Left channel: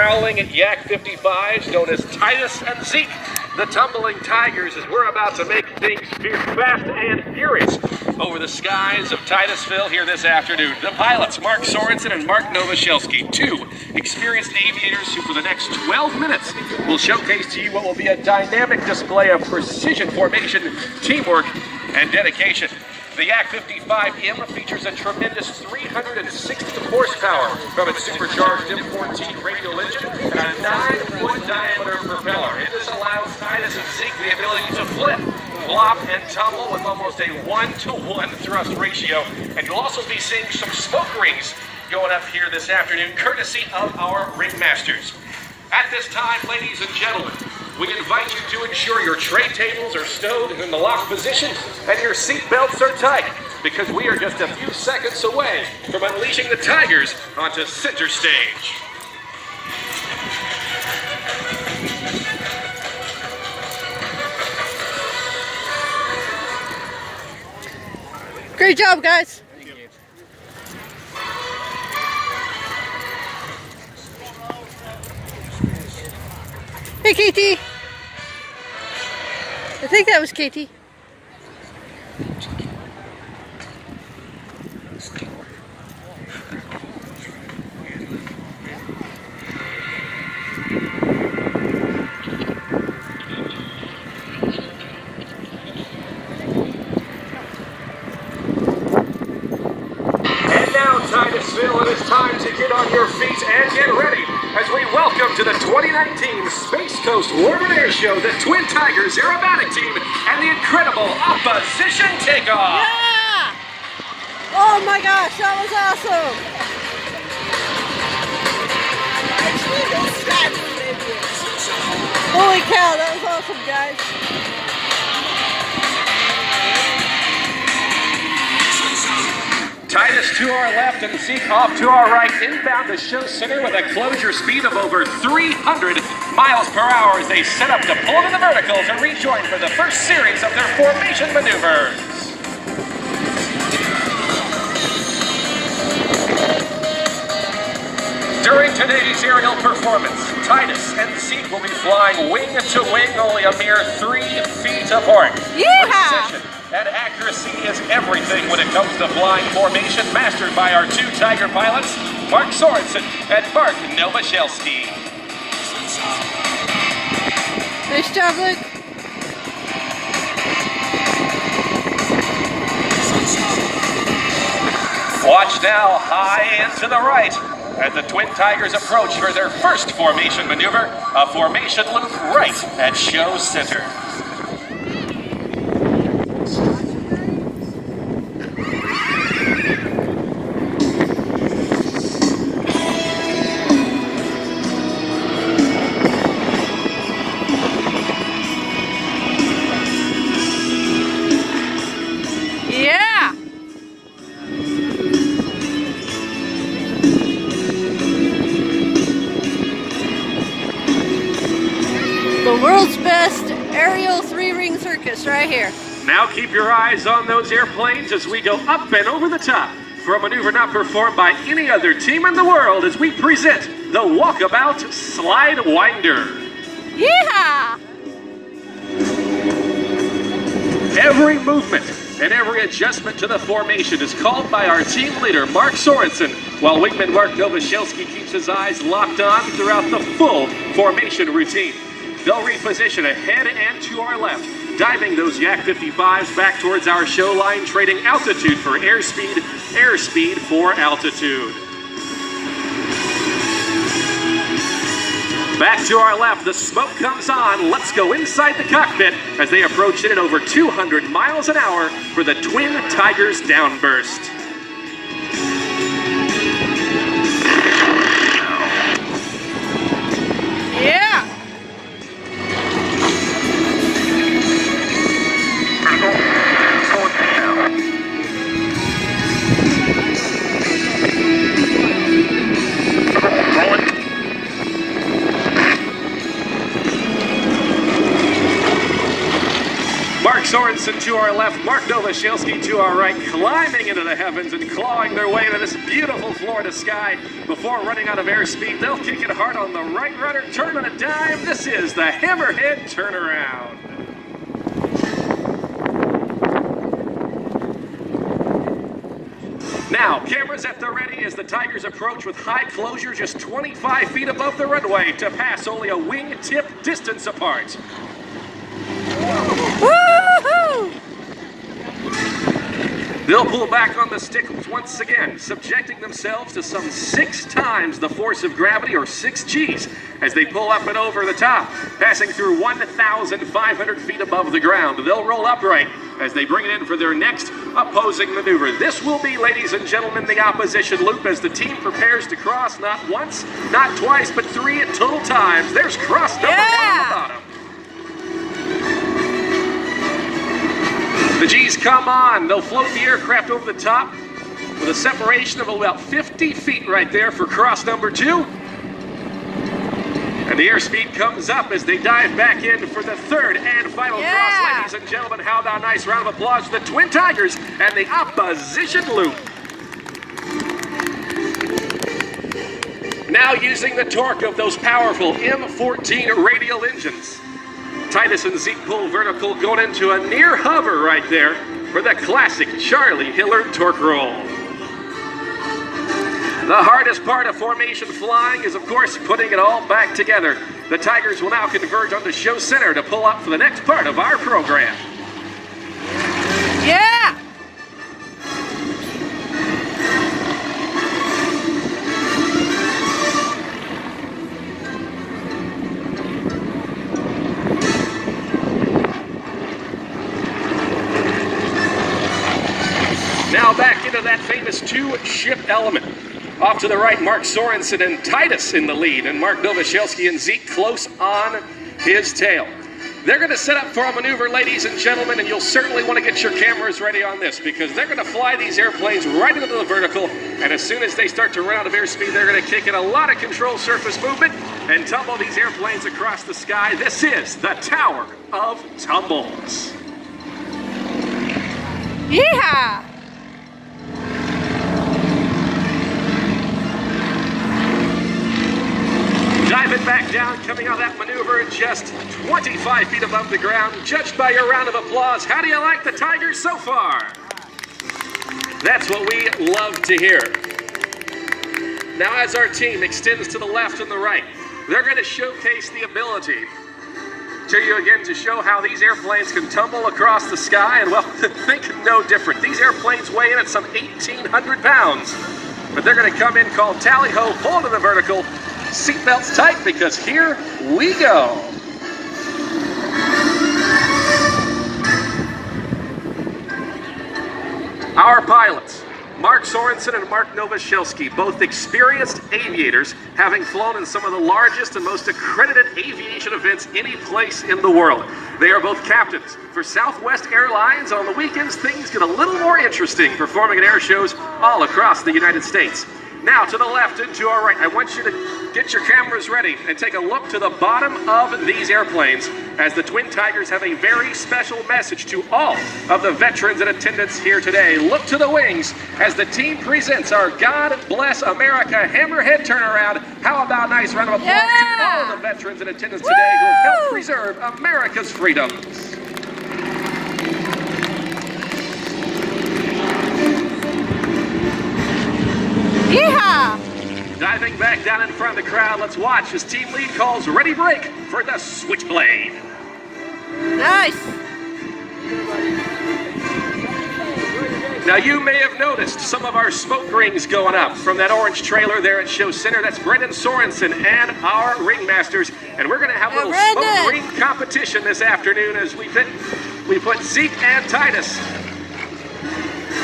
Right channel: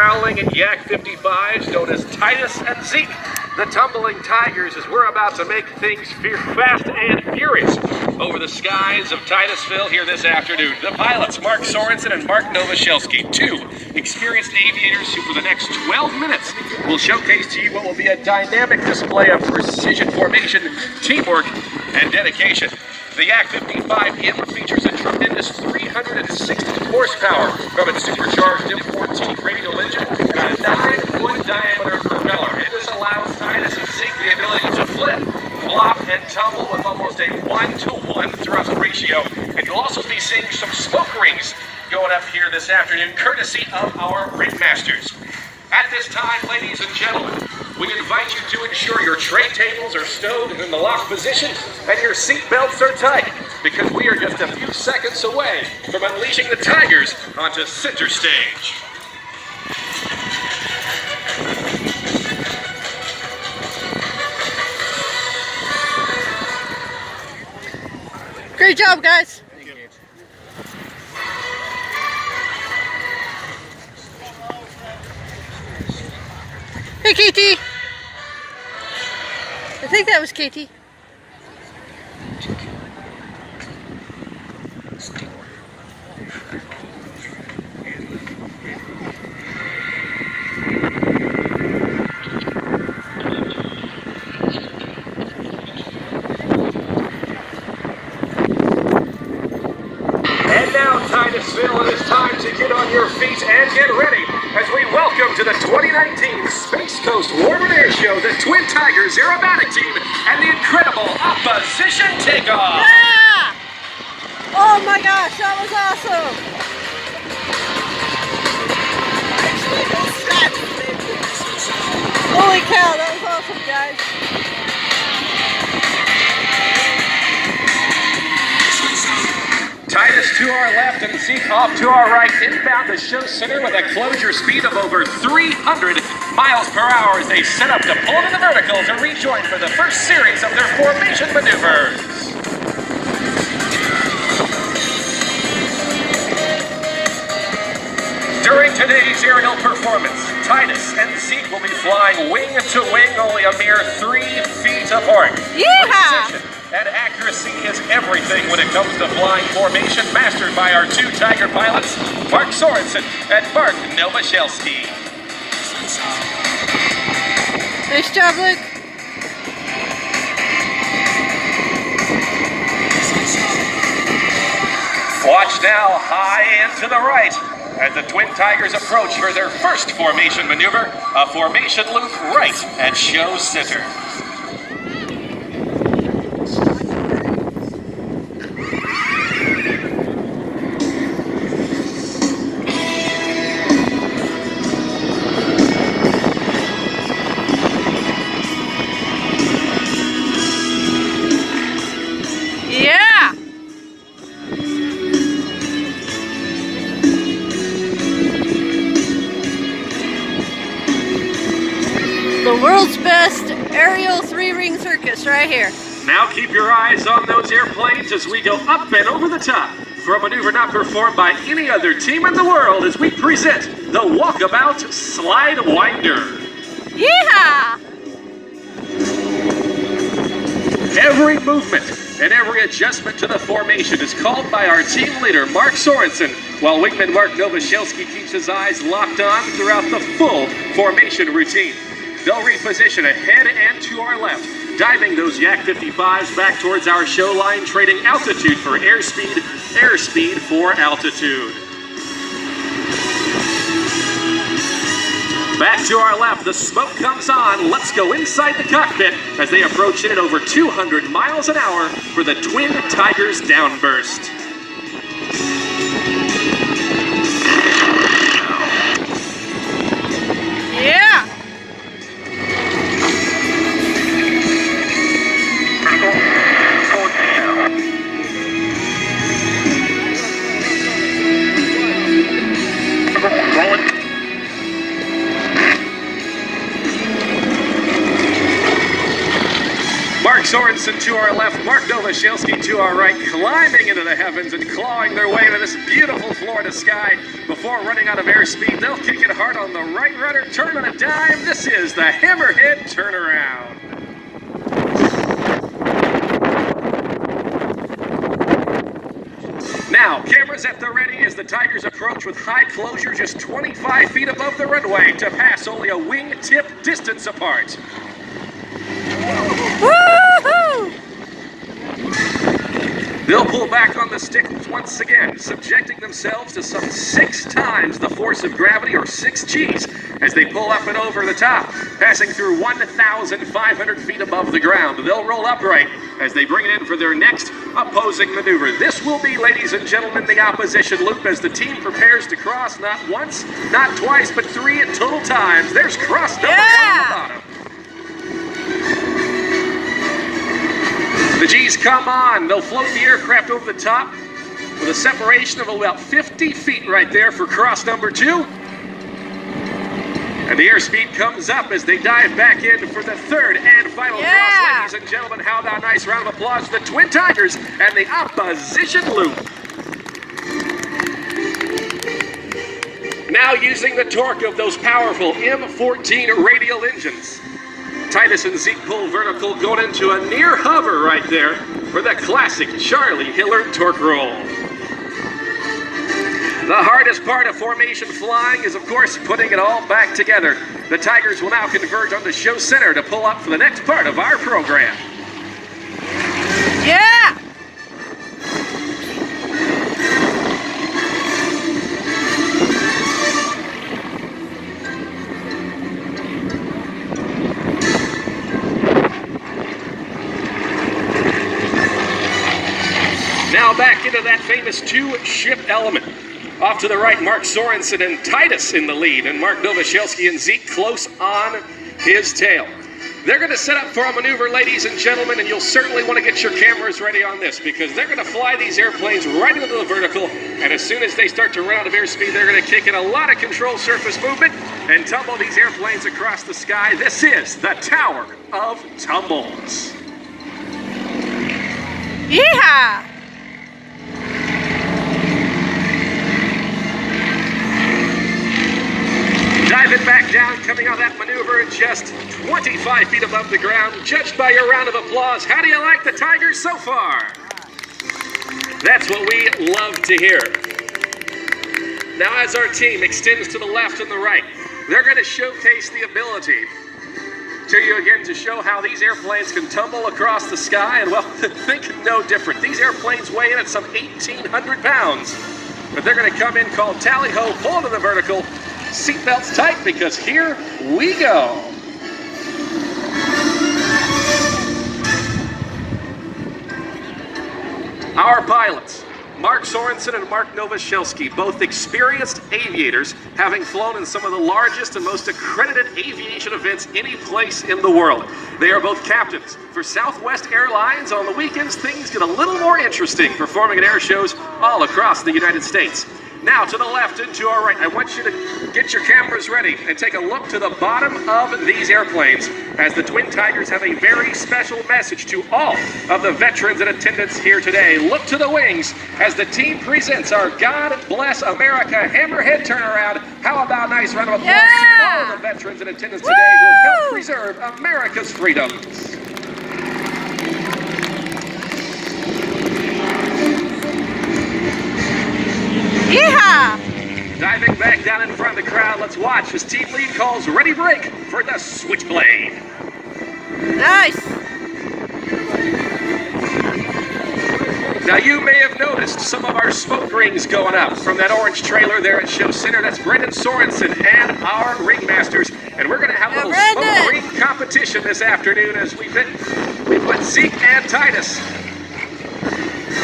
Prowling Yak 55s known as Titus and Zeke, the tumbling tigers, as we're about to make things fast and furious over the skies of Titusville here this afternoon. The pilots, Mark Sorenson and Mark Nowosielski, two experienced aviators who for the next 12 minutes will showcase to you what will be a dynamic display of precision formation, teamwork, and dedication. The Yak 55M features a tremendous 360 horsepower from its supercharged M14 radial engine and a 9-foot diameter propeller. This allows Titus and Zeke the ability to flip, flop, and tumble with almost a 1-to-1 thrust ratio. And you'll also be seeing some smoke rings going up here this afternoon, courtesy of our ringmasters. At this time, ladies and gentlemen, we invite you to ensure your tray tables are stowed in the locked position and your seat belts are tight, because we are just a few seconds away from unleashing the Tigers onto center stage. Great job, guys. Hey, Katie! I think that was Katie. And now, Titusville, it is time to get on your feet and get ready as we welcome to the 2019 Space Coast Warm Air Show the Twin Tigers Aerobatic Team and the incredible Opposition Takeoff. Yeah! Oh my gosh, that was awesome! Holy cow, that was awesome, guys. Titus to our left and Zeke off to our right, inbound the show center with a closure speed of over 300 miles per hour as they set up to pull into the vertical to rejoin for the first series of their formation maneuvers. During today's aerial performance, Titus and Zeke will be flying wing to wing, only a mere 3 feet apart. Yeehaw! And accuracy is everything when it comes to flying formation, mastered by our two Tiger pilots, Mark Sorenson and Mark Nowosielski. Nice job, Luke. Watch now, high and to the right, as the Twin Tigers approach for their first formation maneuver, a formation loop right at show center. Yeah! The world's best aerial 3-ring circus right here. Now keep your eyes on those airplanes as we go up and over the top for a maneuver not performed by any other team in the world as we present the Walkabout Slide Winder. Yeehaw! Every movement and every adjustment to the formation is called by our team leader, Mark Sorenson, while wingman Mark Nowosielski keeps his eyes locked on throughout the full formation routine. They'll reposition ahead and to our left, diving those Yak 55s back towards our show line, trading altitude for airspeed for altitude. Back to our left, the smoke comes on. Let's go inside the cockpit as they approach it at over 200 miles an hour for the Twin Tigers downburst. Yeah! Mark Sorenson to our left, Mark Nowosielski to our right, climbing into the heavens and clawing their way to this beautiful Florida sky. Before running out of airspeed, they'll kick it hard on the right rudder, turn on a dime. This is the Hammerhead turnaround. Now, cameras at the ready as the Tigers approach with high closure just 25 feet above the runway to pass only a wing-tip distance apart. Woo-hoo! They'll pull back on the stick once again, subjecting themselves to some 6 times the force of gravity, or 6 Gs, as they pull up and over the top, passing through 1,500 feet above the ground. They'll roll upright as they bring it in for their next opposing maneuver. This will be, ladies and gentlemen, the opposition loop as the team prepares to cross not once, not twice, but 3 total times. There's cross number 1 on the bottom. The G's come on. They'll float the aircraft over the top with a separation of about 50 feet right there for cross number 2. And the airspeed comes up as they dive back in for the third and final cross. Ladies and gentlemen, how about a nice round of applause to the Twin Tigers and the opposition loop. Now using the torque of those powerful M14 radial engines, Titus and Zeke pull vertical, going into a near hover right there for the classic Charlie Hillard torque roll. The hardest part of formation flying is, of course, putting it all back together. The Tigers will now converge on the show center to pull up for the next part of our program. Yeah! Now back into that famous 2-ship element. Off to the right, Mark Sorenson and Titus in the lead, and Mark Nowosielski and Zeke close on his tail. They're going to set up for a maneuver, ladies and gentlemen, and you'll certainly want to get your cameras ready on this because they're going to fly these airplanes right into the vertical, and as soon as they start to run out of airspeed, they're going to kick in a lot of control surface movement and tumble these airplanes across the sky. This is the Tower of Tumbles. Yeehaw! Diving back down, coming out of that maneuver just 25 feet above the ground. Judged by your round of applause, how do you like the Tigers so far? That's what we love to hear. Now as our team extends to the left and the right, they're going to showcase the ability to you again to show how these airplanes can tumble across the sky. And well, think no different. These airplanes weigh in at some 1,800 pounds. But they're going to come in called tally-ho, pull to the vertical. Seatbelts tight because here we go. Our pilots, Mark Sorenson and Mark Nowosielski, both experienced aviators, having flown in some of the largest and most accredited aviation events any place in the world. They are both captains for Southwest Airlines. On the weekends, things get a little more interesting, performing at air shows all across the United States. Now to the left and to our right, I want you to get your cameras ready and take a look to the bottom of these airplanes as the Twin Tigers have a very special message to all of the veterans in attendance here today. Look to the wings as the team presents our God Bless America Hammerhead turnaround. How about a nice round of applause to all of the veterans in attendance today who have helped preserve America's freedoms. Yeehaw! Diving back down in front of the crowd, let's watch as team lead calls ready break for the Switchblade. Nice! Now you may have noticed some of our smoke rings going up from that orange trailer there at Show Center. That's Brendan Sorenson and our ringmasters. And we're going to have a little smoke ring competition this afternoon as we put Zeke and Titus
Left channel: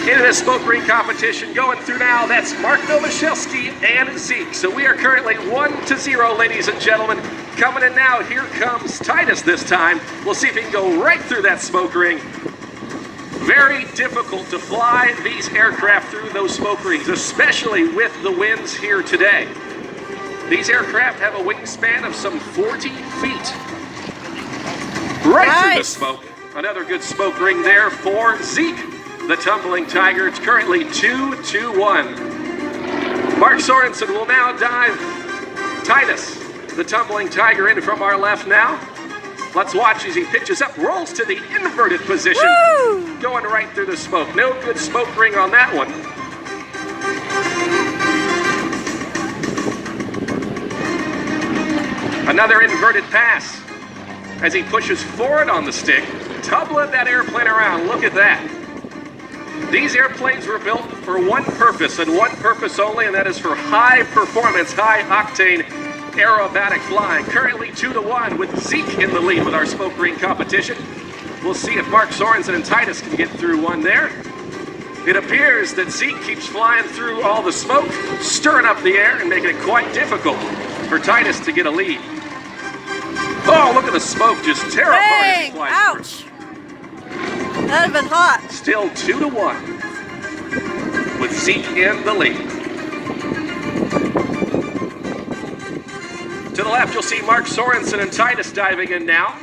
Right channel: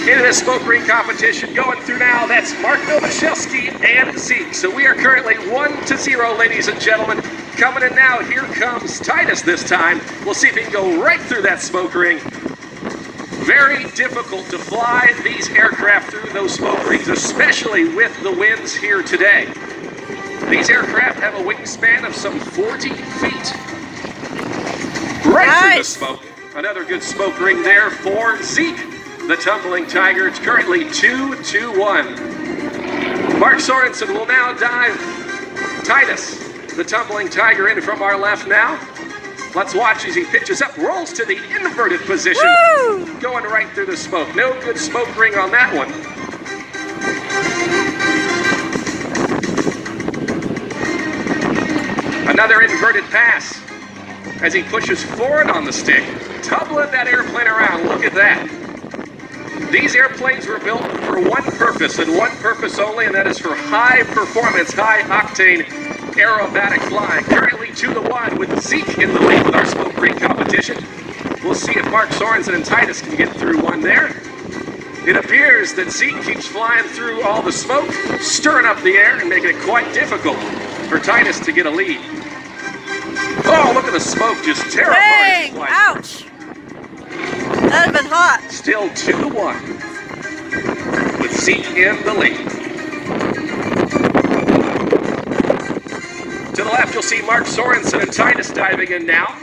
into the smoke ring competition. Going through now, that's Mark Nowosielski and Zeke. So we are currently 1-0, ladies and gentlemen. Coming in now, here comes Titus this time. We'll see if he can go right through that smoke ring. Very difficult to fly these aircraft through those smoke rings, especially with the winds here today. These aircraft have a wingspan of some 40 feet. Right through the smoke. Another good smoke ring there for Zeke, the tumbling tiger. It's currently 2-1. Mark Sorenson will now dive Titus, the tumbling tiger, in from our left now. Let's watch as he pitches up, rolls to the inverted position. Woo! Going right through the smoke. No good smoke ring on that one. Another inverted pass as he pushes forward on the stick, tumbling that airplane around. Look at that. These airplanes were built for one purpose and one purpose only, and that is for high performance, high octane aerobatic flying. Currently 2-1 with Zeke in the lead with our smoke ring competition. We'll see if Mark Sorenson and Titus can get through one there. It appears that Zeke keeps flying through all the smoke, stirring up the air and making it quite difficult for Titus to get a lead. Oh, look at the smoke just tear apart his flight. Ouch! That'd been hot. Still 2-1 with Zeke in the lead. To the left, you'll see Mark Sorenson and Titus diving in now.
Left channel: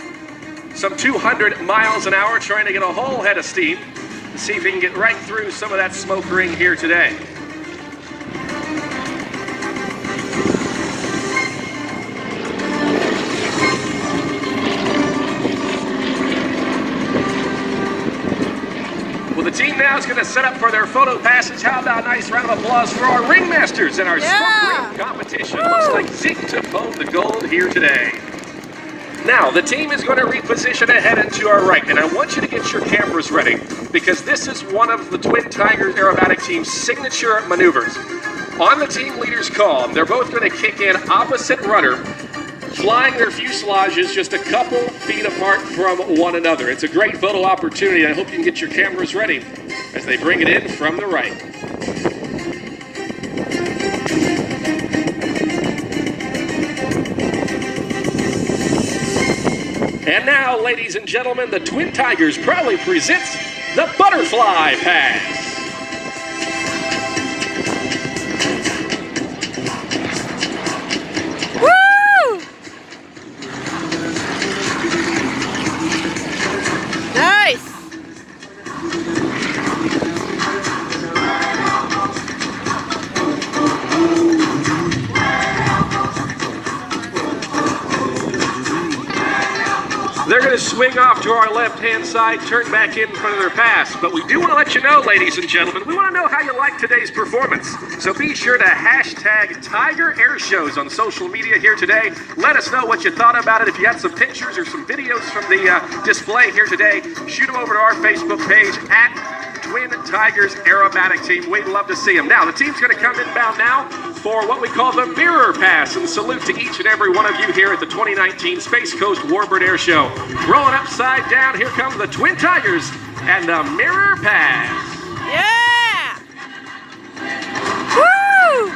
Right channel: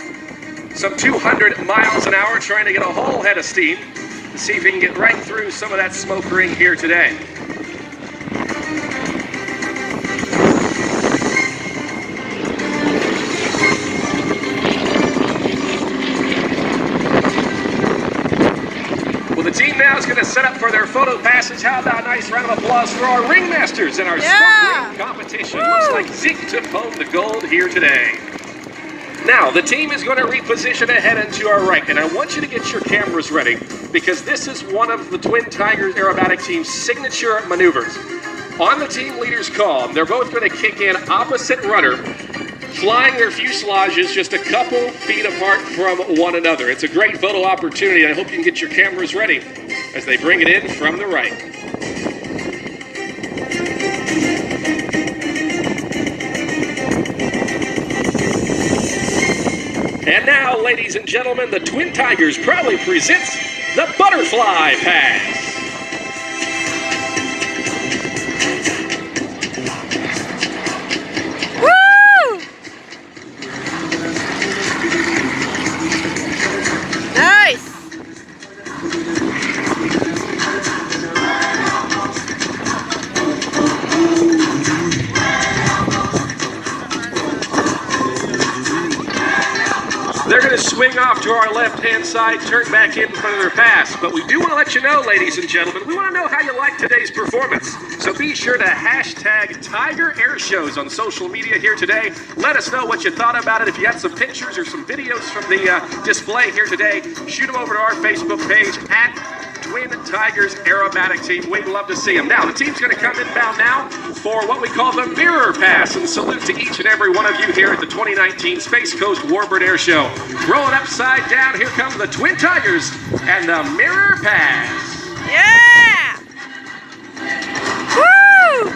Some 200 miles an hour, trying to get a whole head of steam to see if he can get right through some of that smoke ring here today. Well, the team now is going to set up for their photo passes. How about a nice round of applause for our ringmasters in our smoke ring competition. Woo! Looks like Zeke took home the gold here today. Now, the team is going to reposition ahead and to our right, and I want you to get your cameras ready because this is one of the Twin Tigers aerobatic team's signature maneuvers. On the team leader's call, they're both going to kick in opposite rudder, flying their fuselages just a couple feet apart from one another. It's a great photo opportunity. I hope you can get your cameras ready as they bring it in from the right. And now, ladies and gentlemen, the Twin Tigers proudly presents the Butterfly Pass. Nice! They're going to swing off to our left-hand side, turn back in front of their pass. But we do want to let you know, ladies and gentlemen, we want to know how you like today's performance. So be sure to hashtag Tiger Airshows on social media here today. Let us know what you thought about it. If you have some pictures or some videos from the display here today, shoot them over to our Facebook page at Twin Tigers Aerobatic Team. We'd love to see them. Now, the team's going to come inbound now for what we call the Mirror Pass. And salute to each and every one of you here at the 2019 Space Coast Warbird Air Show. Rolling upside down, here comes the Twin Tigers and the Mirror Pass. Yeah! Woo!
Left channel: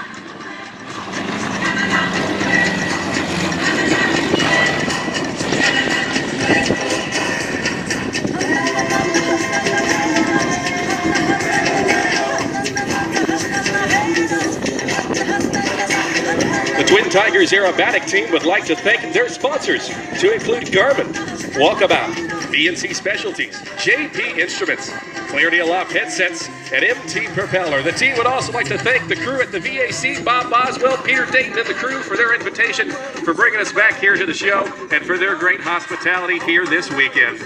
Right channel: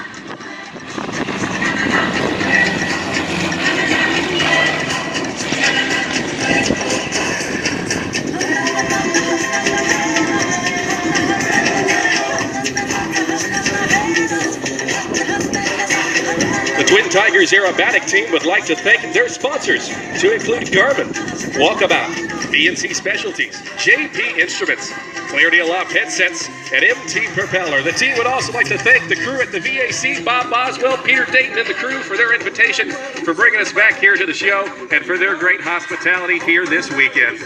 The Twin Tigers Aerobatic Team would like to thank their sponsors, to include Garmin, Walkabout, BNC Specialties, JP Instruments, Clarity Aloft Headsets, and MT Propeller. The team would also like to thank the crew at the VAC, Bob Boswell, Peter Dayton, and the crew for their invitation, for bringing us back here to the show, and for their great hospitality here this weekend.